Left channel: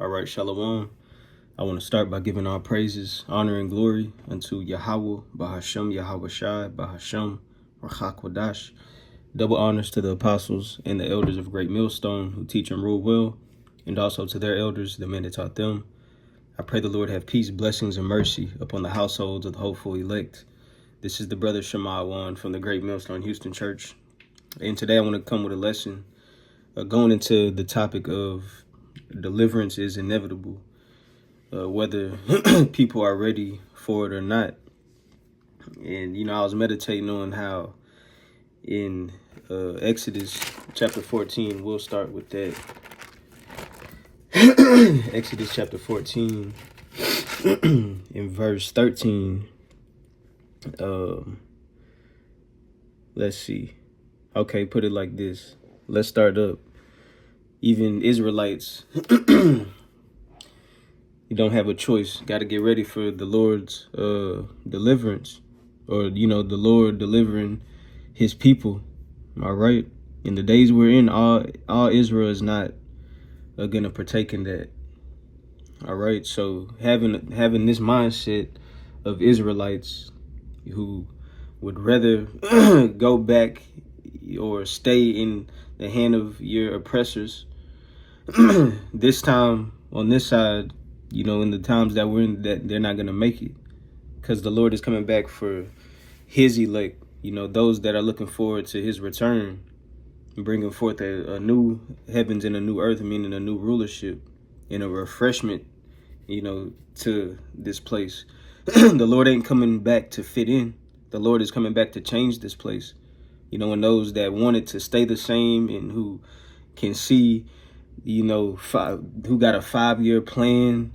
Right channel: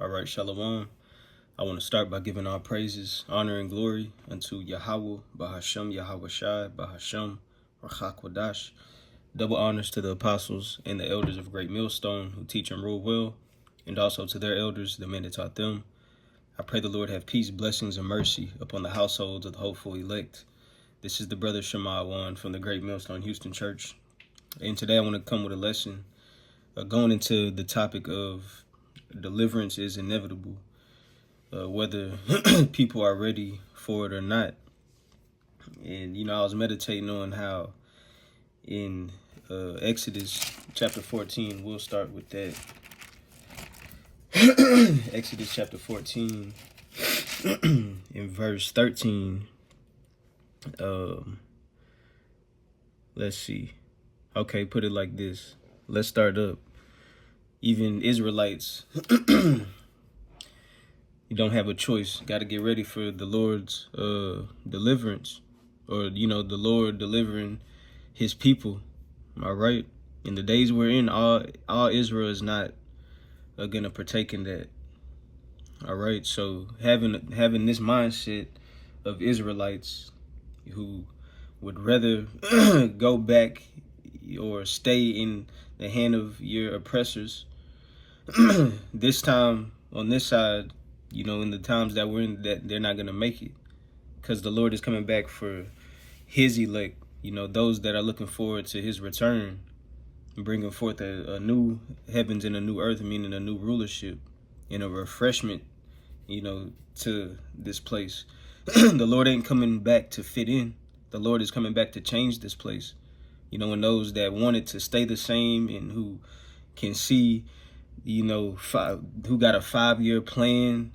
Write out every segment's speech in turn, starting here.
All right, Shalom. I want to start by giving all praises, honor, and glory unto Yahweh, Bahashem, Yahweh Shai, Bahashem, Rachak Wadash. Double honors to the apostles and the elders of Great Millstone who teach and rule well, and also to their elders, the men that taught them. I pray the Lord have peace, blessings, and mercy upon the households of the hopeful elect. This is the brother Shema Wan from the Great Millstone Houston Church. And today I want to come with a lesson going into the topic of deliverance is inevitable, whether people are ready for it or not. And, I was meditating on how in Exodus chapter 14, we'll start with that. Exodus chapter 14, in verse 13. Let's see. Okay, put it like this. Let's start up. Even Israelites, you don't have a choice. Got to get ready for the Lord's deliverance, or, the Lord delivering his people. All right. In the days we're in, all Israel is not going to partake in that. All right. So having this mindset of Israelites who would rather go back or stay in the hand of your oppressors, this time on this side, in the times that we're in, that they're not going to make it, because the Lord is coming back for his elect, those that are looking forward to his return, bringing forth a new heavens and a new earth, meaning a new rulership and a refreshment, to this place. The Lord ain't coming back to fit in. The Lord is coming back to change this place. And those that want it to stay the same and who can see, who got a 5-year plan,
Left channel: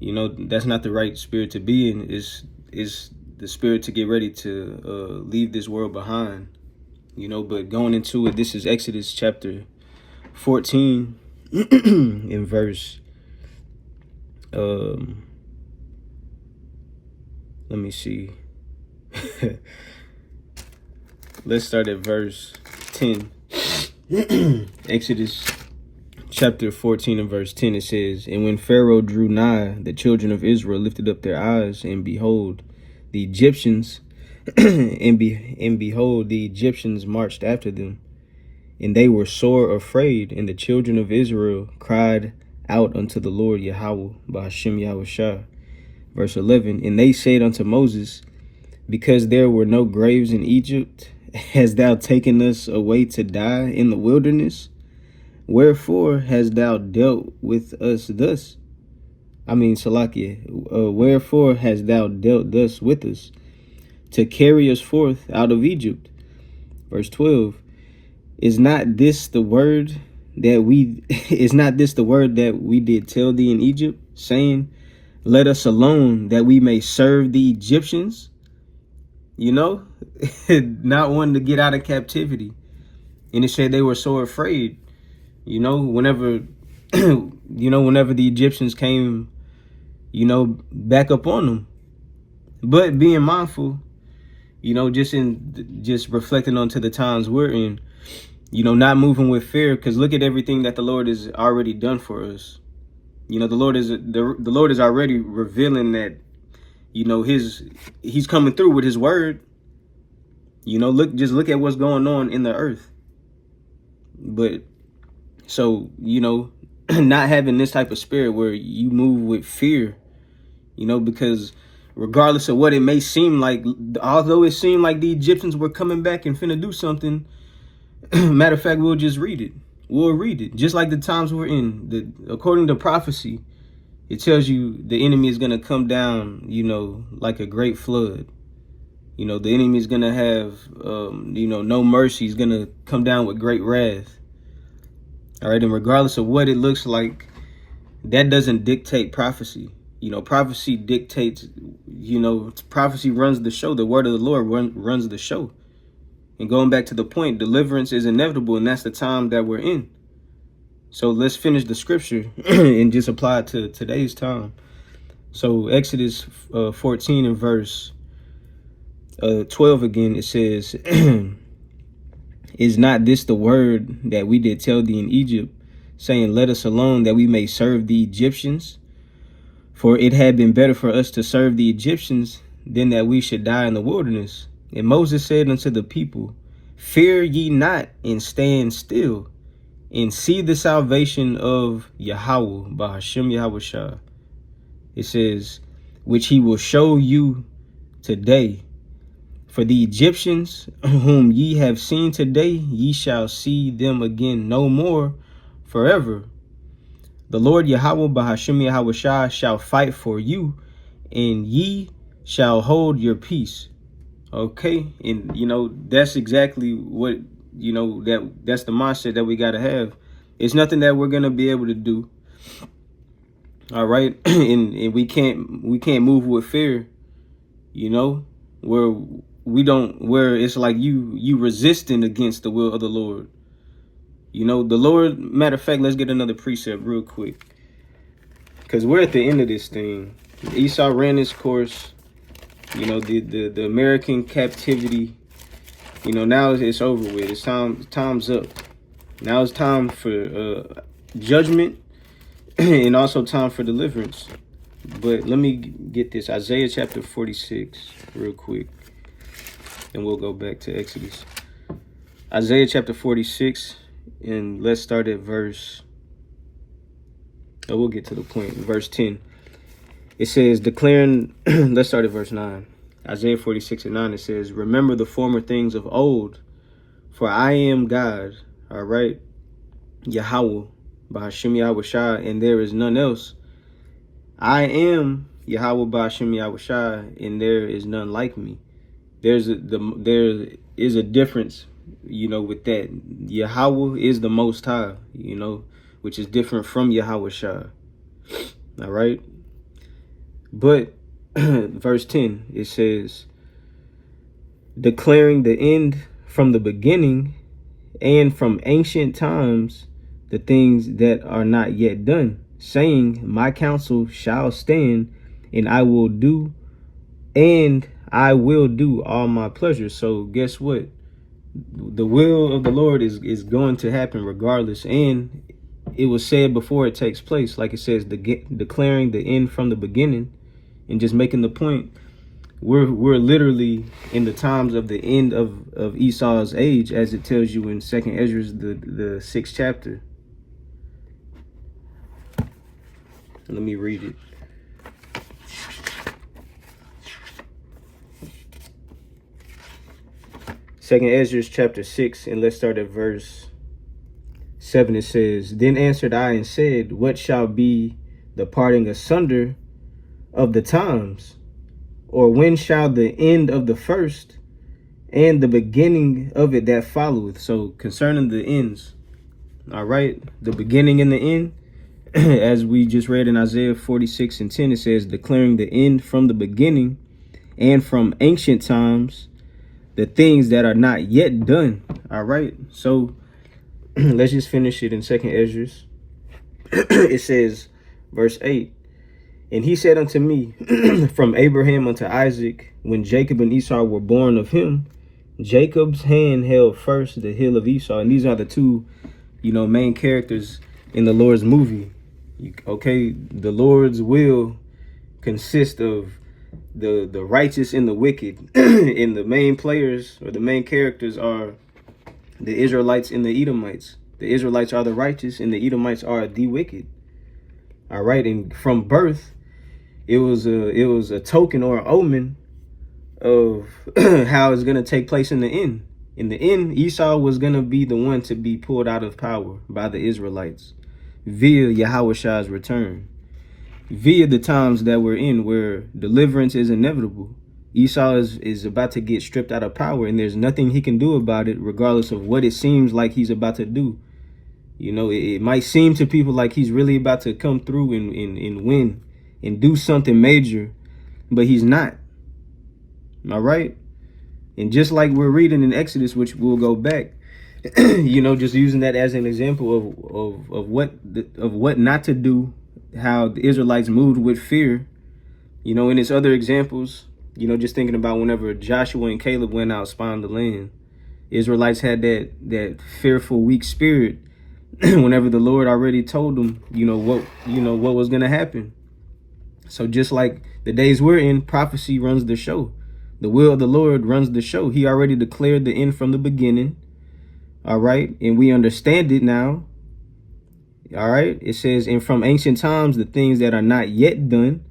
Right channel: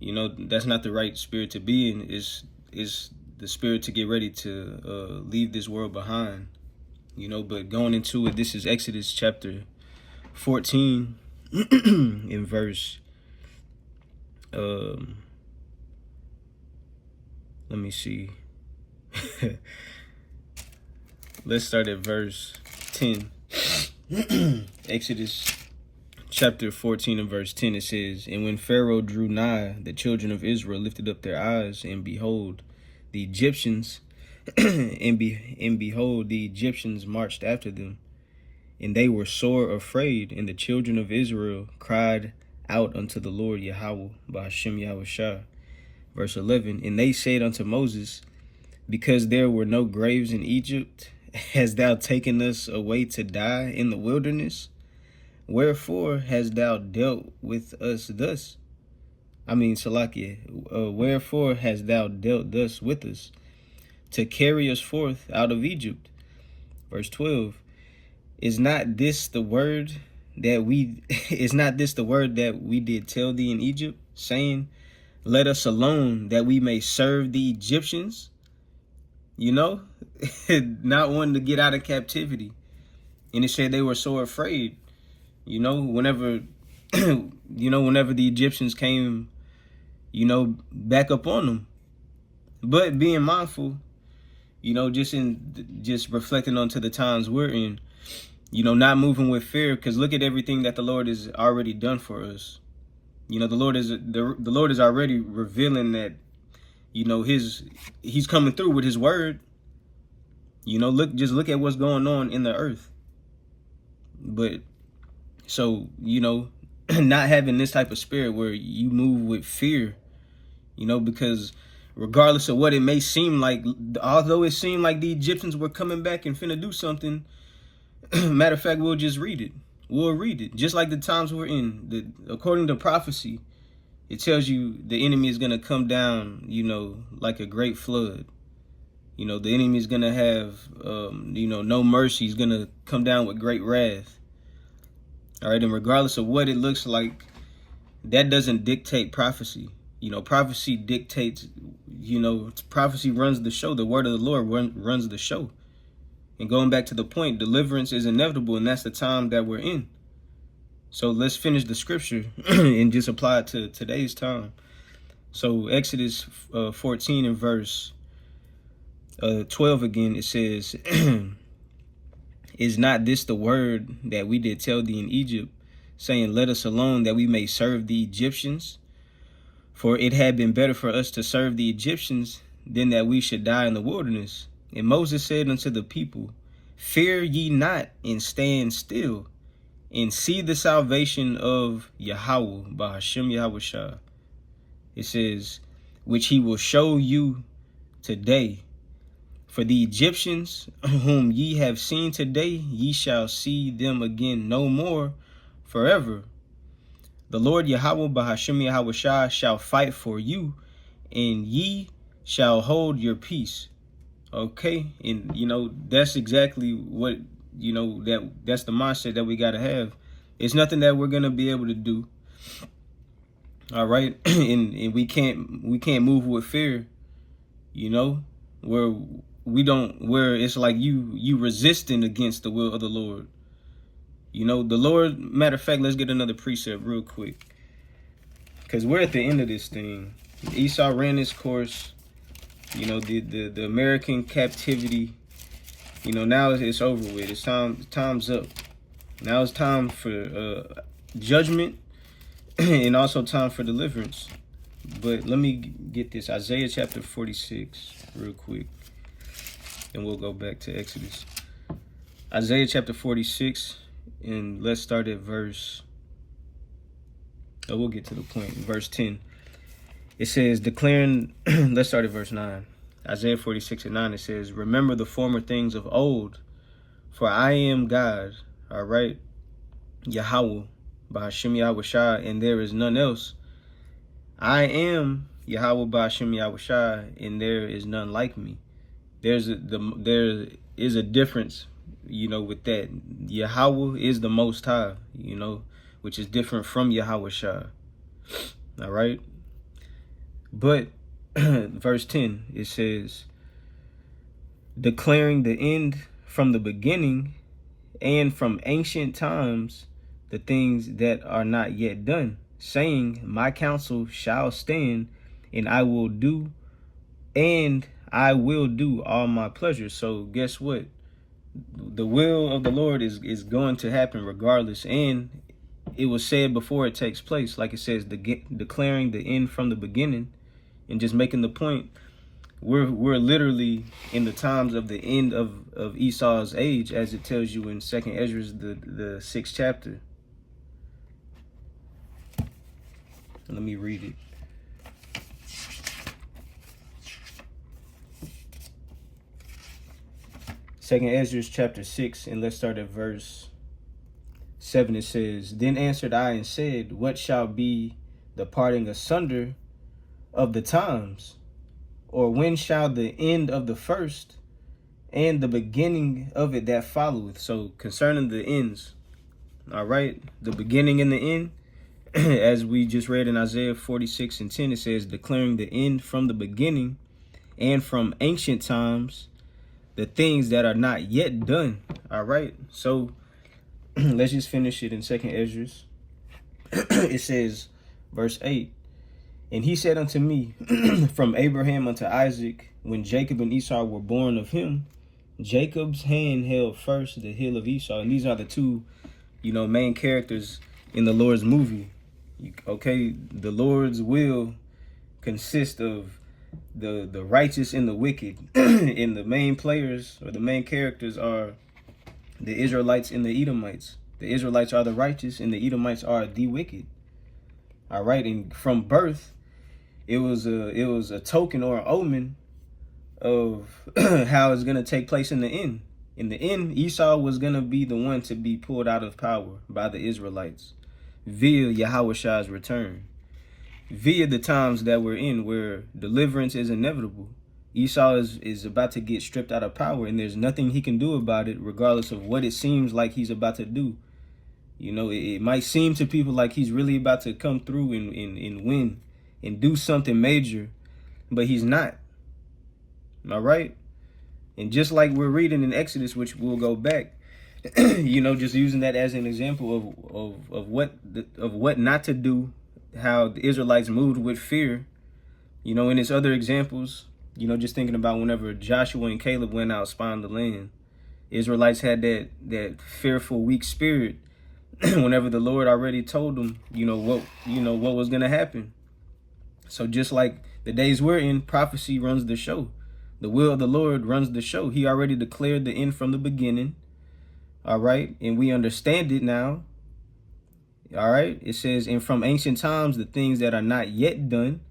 that's not the right spirit to be in. Is the spirit to get ready to leave this world behind, but going into it, this is Exodus chapter 14 in verse, let me see. Let's start at verse 10. Exodus chapter 14 and verse 10, it says, "And when Pharaoh drew nigh, the children of Israel lifted up their eyes, and behold, the Egyptians, and behold, the Egyptians marched after them. And they were sore afraid, and the children of Israel cried out unto the Lord Yahweh, Bahashem Yahweh Shai." Verse 11, "And they said unto Moses, because there were no graves in Egypt, hast thou taken us away to die in the wilderness? Wherefore hast thou dealt with us thus?" Salakia, wherefore hast thou dealt thus with us, to carry us forth out of Egypt? Verse 12, Is not this the word that we did tell thee in Egypt, saying, Let us alone, that we may serve the Egyptians? Not wanting to get out of captivity. And it said they were so afraid, whenever whenever the Egyptians came, back up on them. But being mindful, just reflecting onto the times we're in, not moving with fear, because look at everything that the Lord has already done for us. The Lord is already revealing that, he's coming through with his word. Look at what's going on in the earth. But so, not having this type of spirit where you move with fear, because regardless of what it may seem like, although it seemed like the Egyptians were coming back and finna do something, matter of fact, we'll just read it. We'll read it. Just like the times we're in, according to prophecy, it tells you the enemy is going to come down, like a great flood. The enemy is going to have, no mercy. He's going to come down with great wrath. All right. And regardless of what it looks like, that doesn't dictate prophecy. Prophecy dictates, prophecy runs the show. The word of the Lord runs the show. And going back to the point, deliverance is inevitable, and that's the time that we're in. So let's finish the scripture and just apply it to today's time. So Exodus 14 and verse 12 again, it says, "Is not this the word that we did tell thee in Egypt, saying, let us alone that we may serve the Egyptians. For it had been better for us to serve the Egyptians than that we should die in the wilderness. And Moses said unto the people, fear ye not, and stand still, and see the salvation of Yahweh, Bahashem Yahushua. It says, which he will show you today. For the Egyptians whom ye have seen today, ye shall see them again no more forever. The Lord Yahweh Bahashem Yahushua shall fight for you, and ye shall hold your peace. Okay, and that's exactly what that's the mindset that we gotta have. It's nothing that we're gonna be able to do. All right, and we can't move with fear. Where it's like you resisting against the will of the Lord. The Lord, matter of fact, let's get another precept real quick, because we're at the end of this thing. Esau ran his course. The American captivity. Now it's over with. It's time's up. Now it's time for judgment and also time for deliverance. But let me get this Isaiah chapter 46 real quick, and we'll go back to Exodus. Isaiah chapter 46, and let's start at verse. We'll get to the point. Verse 10. It says, declaring, let's start at verse 9. Isaiah 46:9, it says, remember the former things of old, for I am God, all right, Yahweh, Bahashem Yahushua, and there is none else. I am Yahweh Bahashem Yahushua, and there is none like me. There is a difference, with that. Yahweh is the Most High, which is different from Yahushua, all right? But verse 10, it says, declaring the end from the beginning and from ancient times the things that are not yet done, saying, my counsel shall stand, and I will do all my pleasure. So guess what? The will of the Lord is going to happen regardless. And it was said before it takes place, like it says, declaring the end from the beginning. And just making the point, we're literally in the times of the end of Esau's age, as it tells you in 2nd Ezra, the 6th chapter. Let me read it. Second Ezra chapter 6, and let's start at verse 7. It says, then answered I and said, what shall be the parting asunder of the times, or when shall the end of the first and the beginning of it that followeth? So concerning the ends, all right, the beginning and the end, as we just read in Isaiah 46:10, it says, declaring the end from the beginning and from ancient times the things that are not yet done. All right, so let's just finish it in 2nd Ezra. It says, verse 8, and he said unto me, from Abraham unto Isaac, when Jacob and Esau were born of him, Jacob's hand held first the heel of Esau. And these are the two, main characters in the Lord's movie. Okay, the Lord's will consists of the righteous and the wicked. And the main players, or the main characters, are the Israelites and the Edomites. The Israelites are the righteous, and the Edomites are the wicked. All right, and from birth, it was a token or an omen of how it's going to take place in the end. In the end, Esau was going to be the one to be pulled out of power by the Israelites via Yahushua's return, via the times that we're in, where deliverance is inevitable. Esau is about to get stripped out of power, and there's nothing he can do about it, regardless of what it seems like he's about to do. It might seem to people like he's really about to come through and win and do something major, but he's not. All right. And just like we're reading in Exodus, which we'll go back, just using that as an example of what not to do, how the Israelites moved with fear, in its other examples, just thinking about whenever Joshua and Caleb went out spying the land, Israelites had that fearful, weak spirit, whenever the Lord already told them, what was going to happen. So just like the days we're in, prophecy runs the show. The will of the Lord runs the show. He already declared the end from the beginning. All right. And we understand it now. All right. It says, and from ancient times, the things that are not yet done,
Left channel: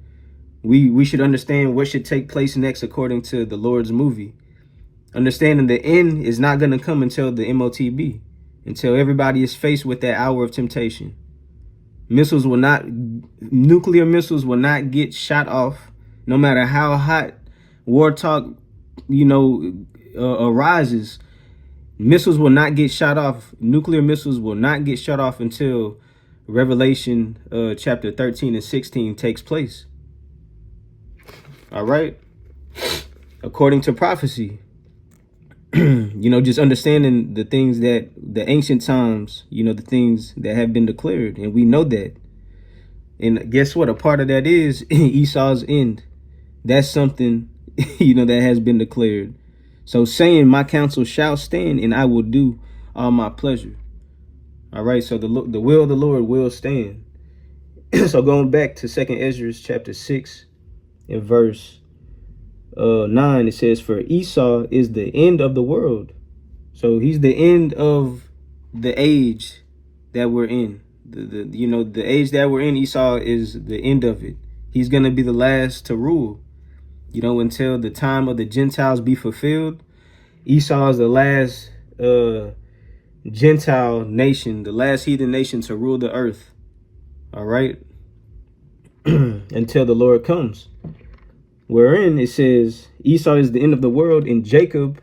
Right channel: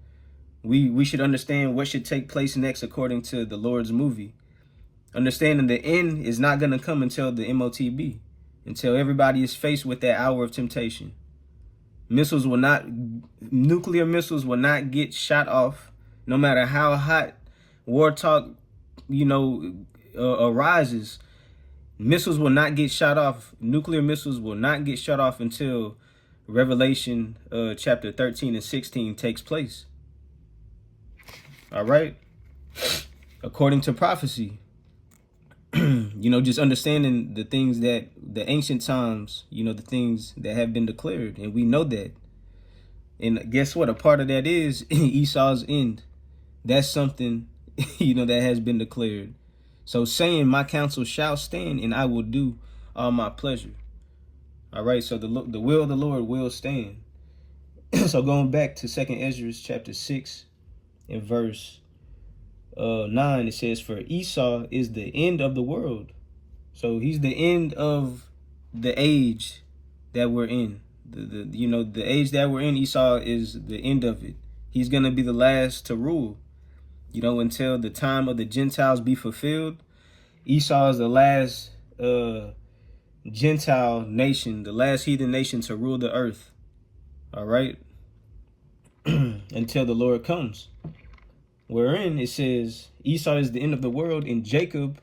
we should understand what should take place next according to the Lord's movie. Understanding the end is not going to come until the MOTB, until everybody is faced with that hour of temptation. Nuclear missiles will not get shot off, no matter how hot war talk, arises. Missiles will not get shot off. Nuclear missiles will not get shut off until Revelation chapter 13 and 16 takes place. All right. According to prophecy, just understanding the things that the ancient times, the things that have been declared. And we know that. And guess what? A part of that is Esau's end. That's something, that has been declared. So saying my counsel shall stand and I will do all my pleasure. All right. So the will of the Lord will stand. So going back to 2nd Ezra chapter 6 and verse 9, it says, for Esau is the end of the world. So he's the end of the age that we're in. The age that we're in, Esau is the end of it. He's going to be the last to rule, until the time of the Gentiles be fulfilled. Esau is the last Gentile nation, the last heathen nation to rule the earth. All right. Until the Lord comes. Wherein it says Esau is the end of the world and Jacob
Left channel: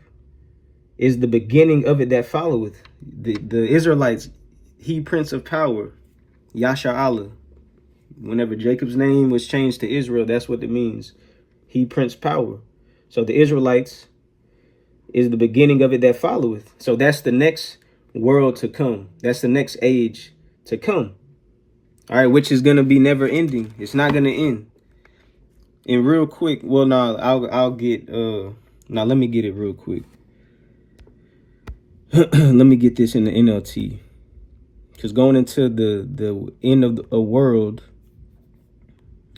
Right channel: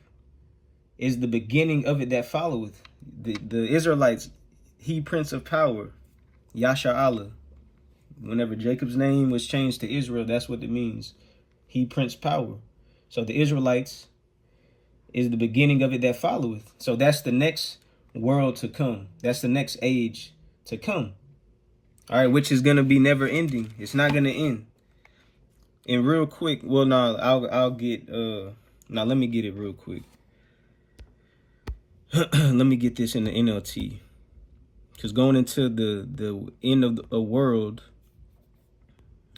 is the beginning of it that followeth. The Israelites, he prince of power, Yasha Allah. Whenever Jacob's name was changed to Israel, that's what it means. He prince power. So the Israelites is the beginning of it that followeth. So that's the next world to come. That's the next age to come. All right, which is going to be never ending. It's not going to end. And real quick, well, no, I'll get, let me get it real quick. Let me get this in the NLT. Because going into the end of a world,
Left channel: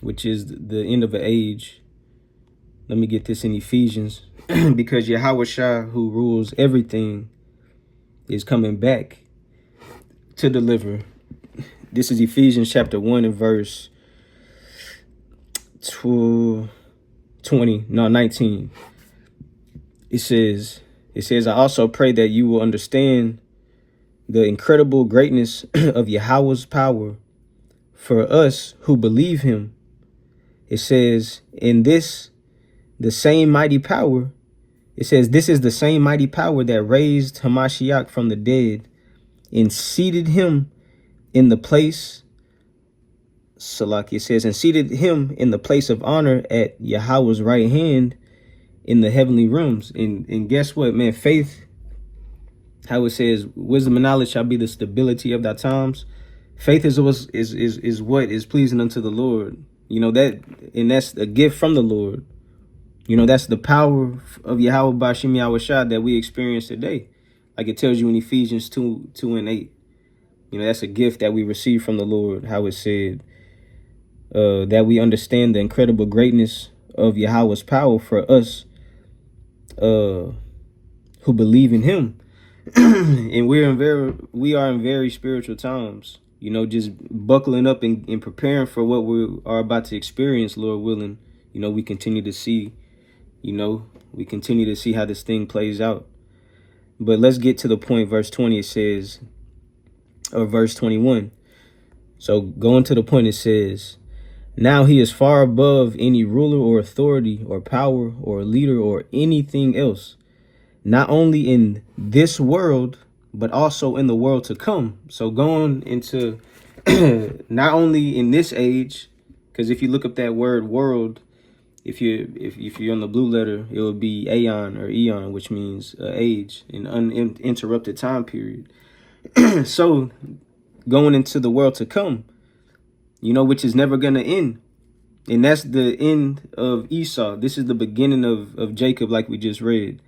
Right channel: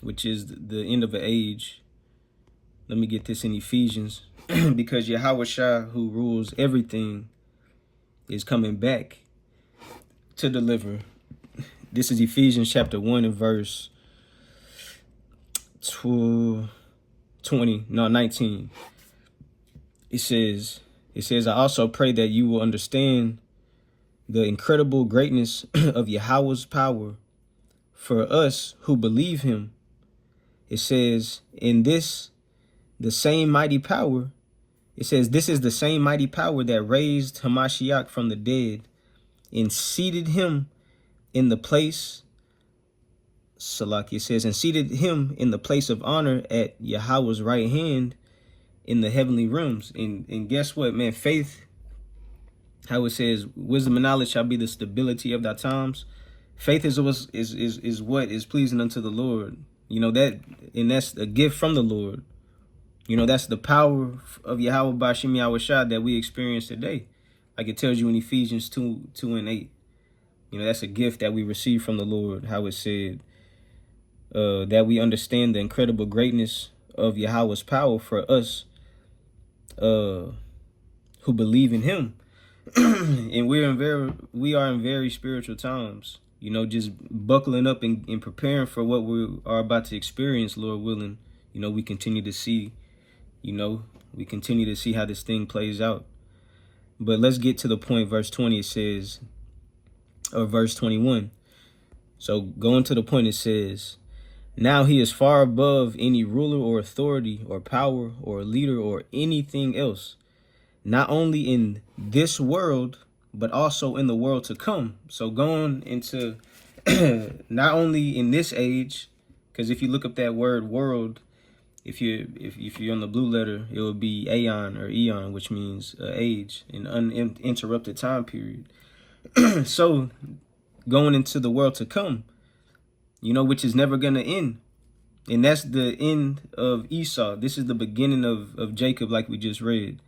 which is the end of an age, let me get this in Ephesians. Because Yahweh Shah, who rules everything, is coming back to deliver. This is Ephesians chapter 1 and verse 19. It says, I also pray that you will understand the incredible greatness of Yahweh's power for us who believe him. It says, this is the same mighty power that raised Hamashiach from the dead and seated him in the place, Salaki, it says, and seated him in the place of honor at Yahweh's right hand in the heavenly realms. And guess what, man? Faith, how it says, wisdom and knowledge shall be the stability of thy times. Faith is what is pleasing unto the Lord. That's a gift from the Lord. That's the power of Yahweh Bashim Yahweh Shah that we experience today. Like it tells you in Ephesians 2 and 8. That's a gift that we receive from the Lord, how it said, that we understand the incredible greatness of Yahweh's power for us who believe in him. And we are in very spiritual times, just buckling up and preparing for what we are about to experience, Lord willing. We continue to see, how this thing plays out. But let's get to the point. Verse 20, it says, or verse 21. So going to the point, it says, now he is far above any ruler or authority or power or leader or anything else, not only in this world, but also in the world to come. So going into not only in this age, because if you look up that word world, if you're on the blue letter, it would be aeon or eon, which means age, an uninterrupted time period. So going into the world to come, which is never going to end. And that's the end of Esau. This is the beginning of Jacob, like we just read.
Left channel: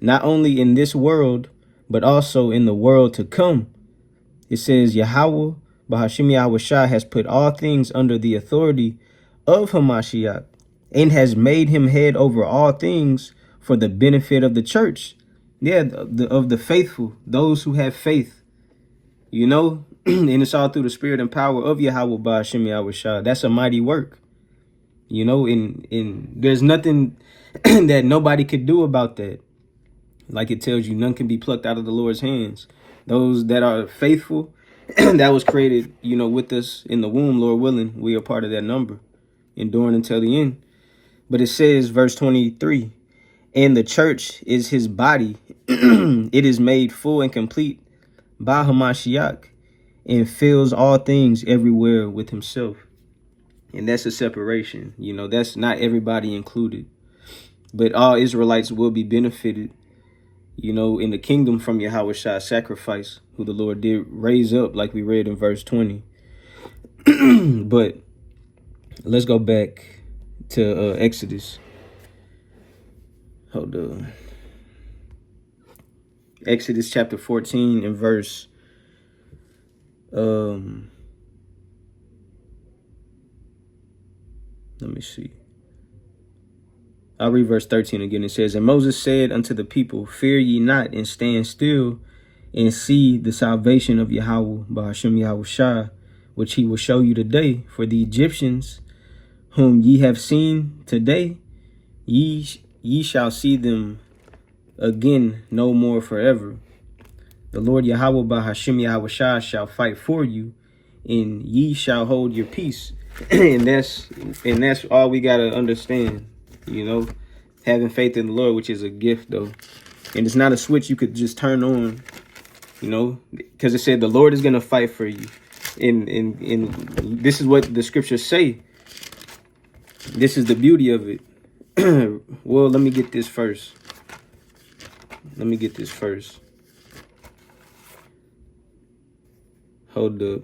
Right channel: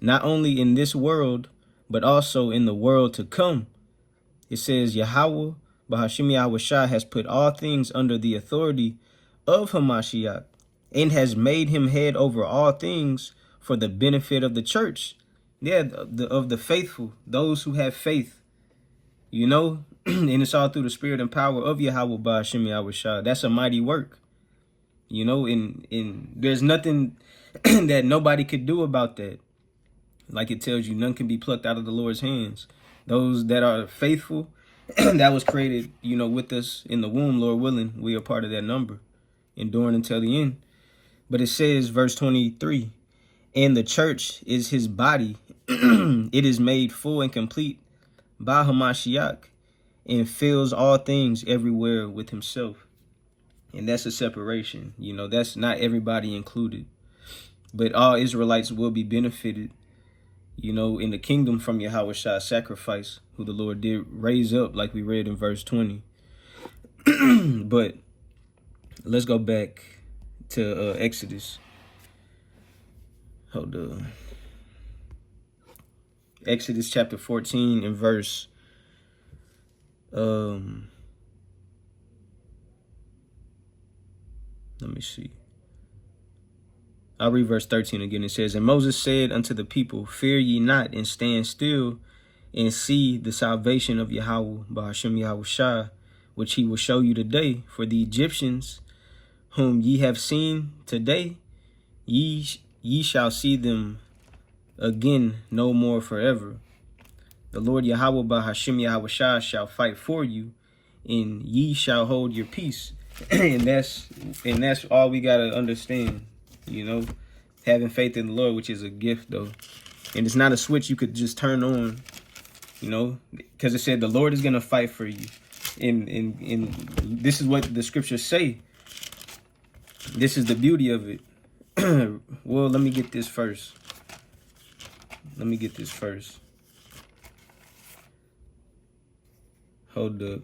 Not only in this world, but also in the world to come. It says, Yahweh, Bahashim Yahweh Shai, has put all things under the authority of Hamashiach and has made him head over all things for the benefit of the church. Yeah, of the faithful, those who have faith, you know, and it's all through the spirit and power of Yahweh Bahashim Yahweh Shai. That's a mighty work, you know, and there's nothing that nobody could do about that. Like it tells you, none can be plucked out of the Lord's hands. Those that are faithful, that was created, you know, with us in the womb, Lord willing, we are part of that number, enduring until the end. But it says, verse 23, and the church is his body. It is made full and complete by Hamashiach and fills all things everywhere with himself. And that's a separation. You know, that's not everybody included. But all Israelites will be benefited, you know, in the kingdom from Yahweh Shai's sacrifice, who the Lord did raise up, like we read in verse 20. But let's go back to Exodus. Hold on. Exodus chapter 14 and verse let me see. I'll read verse 13 again. It says, and Moses said unto the people, fear ye not, and stand still, and see the salvation of Yahweh, Bahashim Yahweh Shai, which he will show you today. For the Egyptians, whom ye have seen today, ye shall see them again no more forever. The Lord Yahweh Bahashim Yahweh Shai shall fight for you, and ye shall hold your peace. and that's all we gotta understand. You know, having faith in the Lord, which is a gift, though. And it's not a switch you could just turn on, you know, because it said the Lord is going to fight for you. And this is what the scriptures say. This is the beauty of it. Well, let me get this first. Hold up.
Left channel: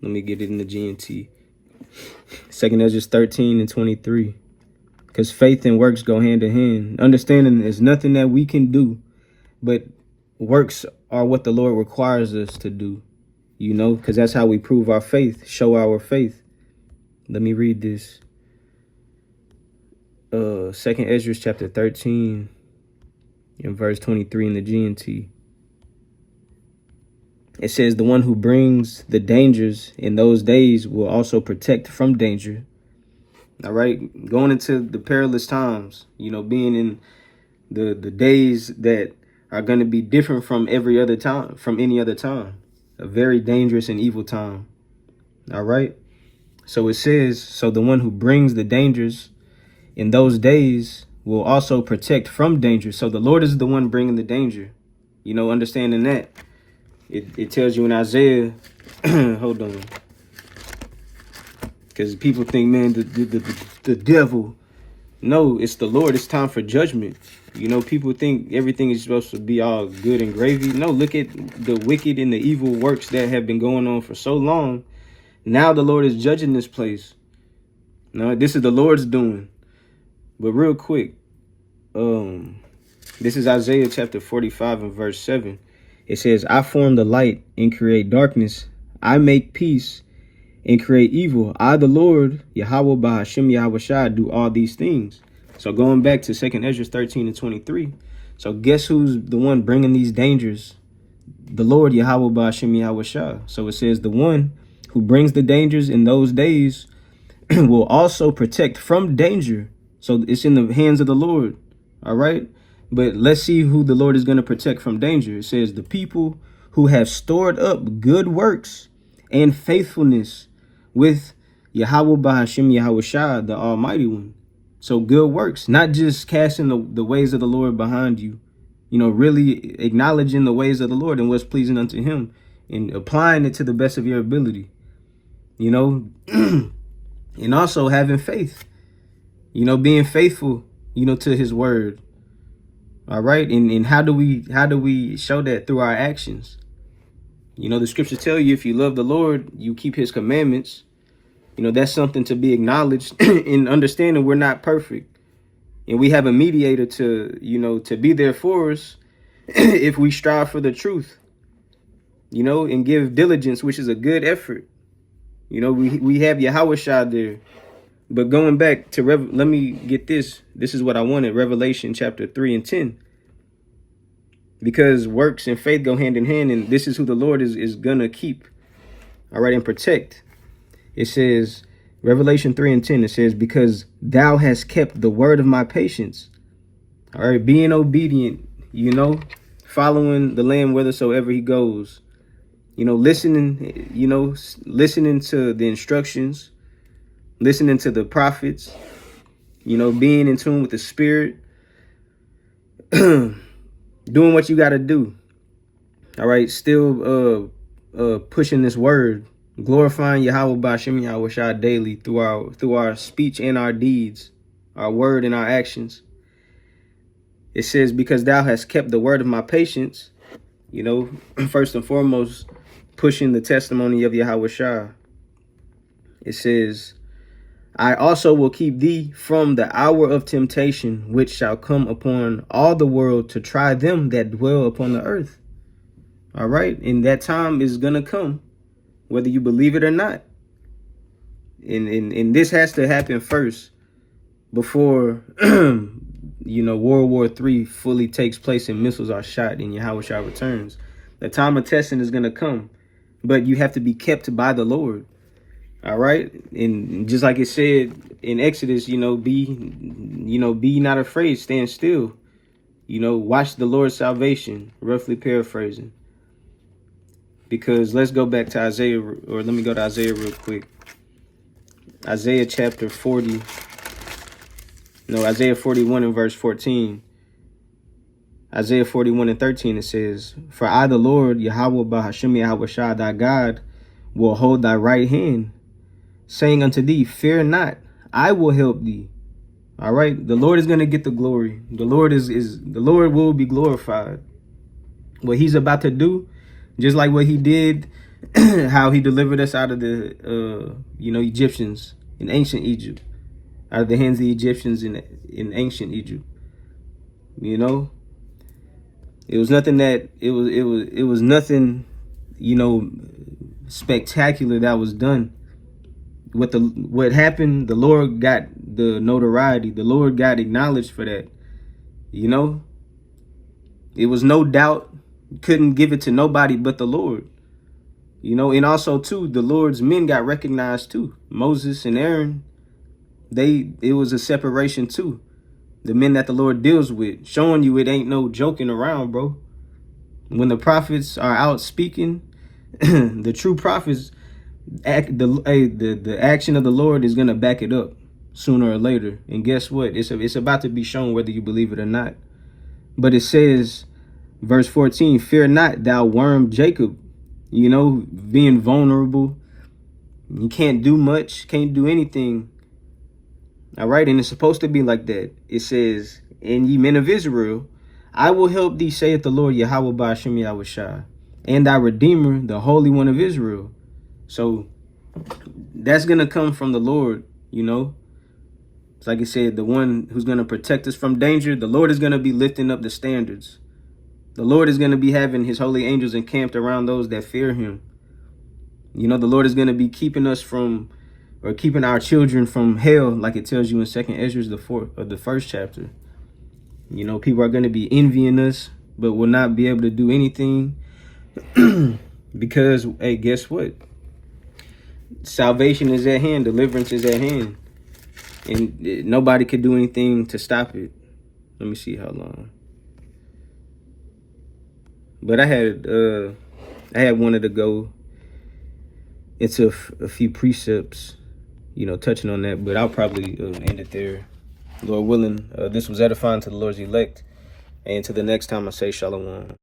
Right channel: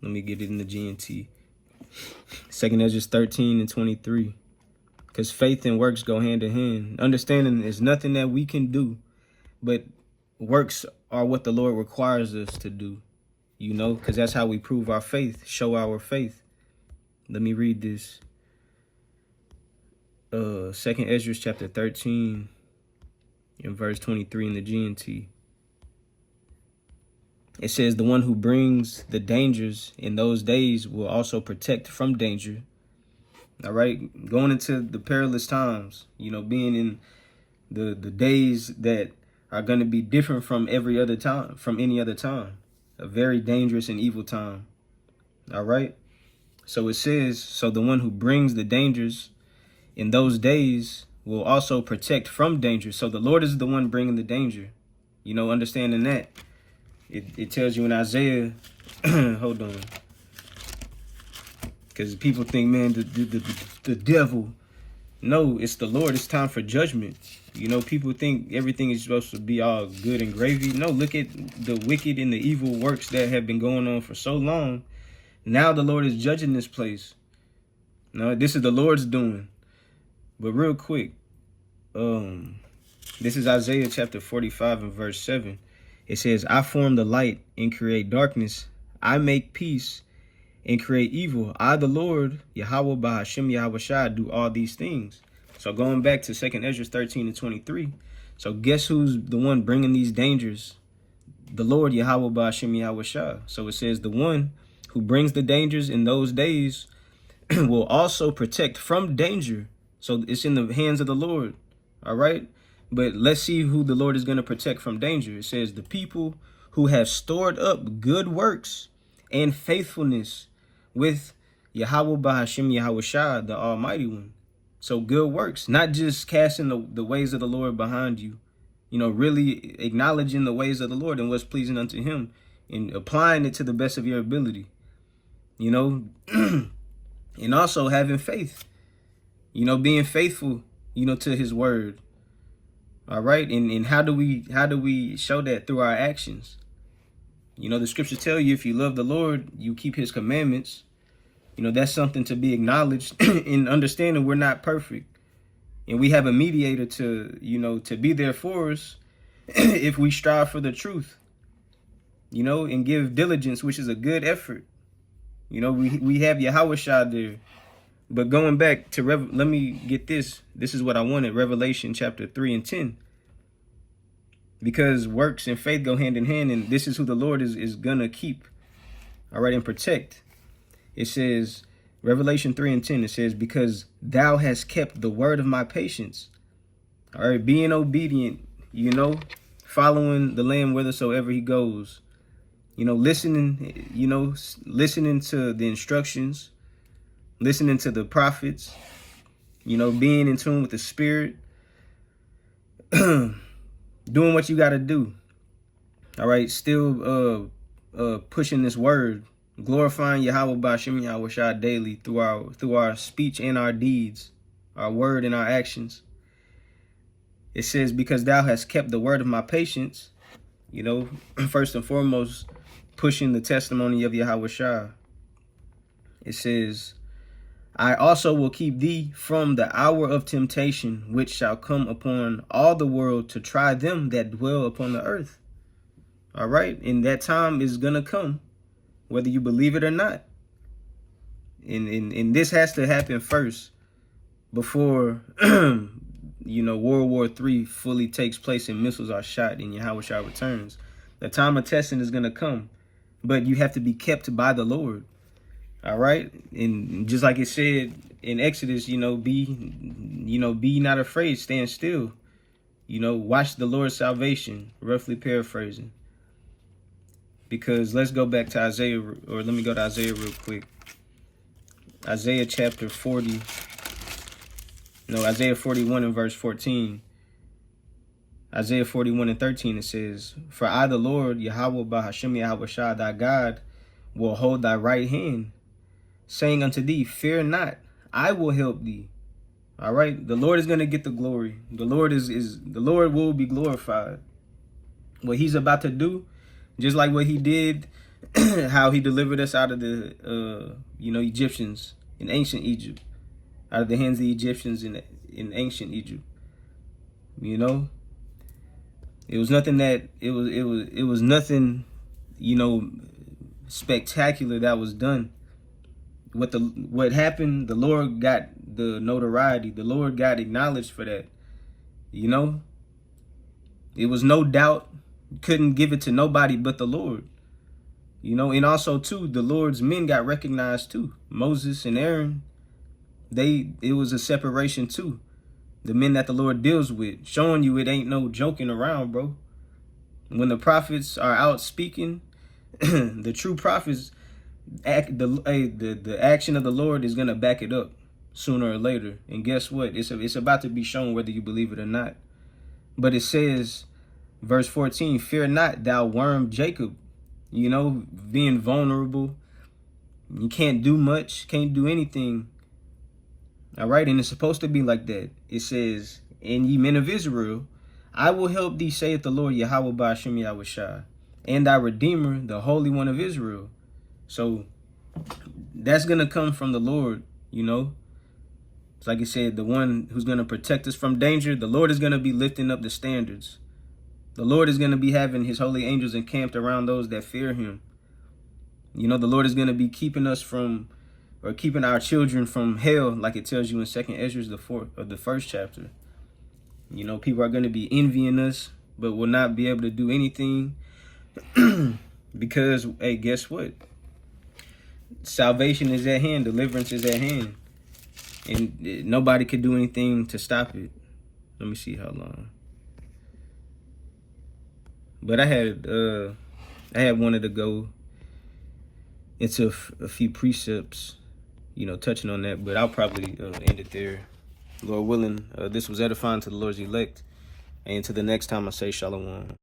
Let me get it in the GNT. 2 Ezra 13 and 23. Because faith and works go hand in hand. Understanding there's nothing that we can do, but works are what the Lord requires us to do, you know, because that's how we prove our faith, show our faith. Let me read this. 2 Ezra chapter 13 and verse 23 in the GNT. It says, the one who brings the dangers in those days will also protect from danger. All right, going into the perilous times, you know, being in the days that are going to be different from every other time, from any other time, a very dangerous and evil time. All right. So it says, so the one who brings the dangers in those days will also protect from danger. So the Lord is the one bringing the danger, you know, understanding that. It tells you in Isaiah, hold on. Because people think, man, the devil. No, it's the Lord. It's time for judgment. You know, people think everything is supposed to be all good and gravy. No, look at the wicked and the evil works that have been going on for so long. Now the Lord is judging this place. No, this is the Lord's doing. But real quick, this is Isaiah chapter 45 and verse 7. It says, I form the light and create darkness. I make peace and create evil. I, the Lord, Yahweh Bahashim Yahweh Shai, do all these things. So going back to 2 Ezra 13 and 23. So guess who's the one bringing these dangers? The Lord, Yahweh Bahashim Yahweh Shai. So it says the one who brings the dangers in those days will also protect from danger. So it's in the hands of the Lord. All right. But let's see who the Lord is going to protect from danger. It says the people who have stored up good works and faithfulness with Yahweh Bahashim Yahweh Shai, the Almighty One. So good works, not just casting the ways of the Lord behind you, you know, really acknowledging the ways of the Lord and what's pleasing unto him and applying it to the best of your ability, you know, and also having faith, you know, being faithful, you know, to his word. All right. And how do we show that? Through our actions. You know, the scriptures tell you if you love the Lord, you keep his commandments. You know, that's something to be acknowledged in understanding we're not perfect. And we have a mediator to, you know, to be there for us if we strive for the truth. you know, and give diligence, which is a good effort. You know, we have Yahweh Shah there. But going back to, let me get this. This is what I wanted, Revelation chapter 3 and 10. Because works and faith go hand in hand, and this is who the Lord is going to keep, all right, and protect. It says, Revelation 3 and 10, it says, because thou hast kept the word of my patience, all right, being obedient, you know, following the Lamb whithersoever he goes, you know, listening to the instructions, listening to the prophets, you know, being in tune with the Spirit, doing what you got to do. All right. Still pushing this word, glorifying Yahweh B'Shem Yahweh Shah daily through our speech and our deeds, our word and our actions. It says, because thou hast kept the word of my patience, you know, first and foremost, pushing the testimony of Yahweh Shah. It says, I also will keep thee from the hour of temptation, which shall come upon all the world to try them that dwell upon the earth. All right. And that time is going to come, whether you believe it or not. And this has to happen first before, you know, World War III fully takes place and missiles are shot and Yahweh Shah returns. The time of testing is going to come, but you have to be kept by the Lord. All right. And just like it said in Exodus, you know, be not afraid, stand still, you know, watch the Lord's salvation, roughly paraphrasing. Because let's go back to Isaiah, or let me go to Isaiah real quick. Isaiah chapter 40. No, Isaiah 41 and verse 14. Isaiah 41 and 13, it says, for I, the Lord, Yahweh B'Hashem Yahweh Shah, thy God, will hold thy right hand, saying unto thee, fear not, I will help thee. All right. The Lord is going to get the glory. The Lord the Lord will be glorified. What he's about to do, just like what he did, how he delivered us out of the, you know, Egyptians in ancient Egypt, out of the hands of the Egyptians in ancient Egypt. You know, it was nothing that it was nothing, you know, spectacular that was done. What happened, the Lord got the notoriety. The Lord got acknowledged for that. You know, it was no doubt, couldn't give it to nobody but the Lord. You know, and also too, the Lord's men got recognized too. Moses and Aaron, it was a separation too. The men that the Lord deals with, showing you it ain't no joking around, bro. When the prophets are out speaking, the true prophets, the action of the Lord is gonna back it up sooner or later. And guess what? It's about to be shown whether you believe it or not. But it says, verse 14, fear not, thou worm Jacob. You know, being vulnerable. You can't do much, can't do anything. All right, and it's supposed to be like that. It says, and ye men of Israel, I will help thee, saith the Lord Yahweh B'Shem Yahweh Shah, and thy Redeemer, the Holy One of Israel. So that's going to come from the Lord, you know. It's like I said, the one who's going to protect us from danger. The Lord is going to be lifting up the standards. The Lord is going to be having his holy angels encamped around those that fear him. You know, the Lord is going to be keeping us from, or keeping our children from hell, like it tells you in 2nd Ezra, the first chapter. You know, people are going to be envying us, but will not be able to do anything because, hey, guess what? Salvation is at hand. Deliverance is at hand. And nobody could do anything to stop it. Let me see how long. But I had wanted to go into a few precepts, you know, touching on that, but I'll probably end it there. Lord willing, this was edifying to the Lord's elect. And to the next time, I say shalom.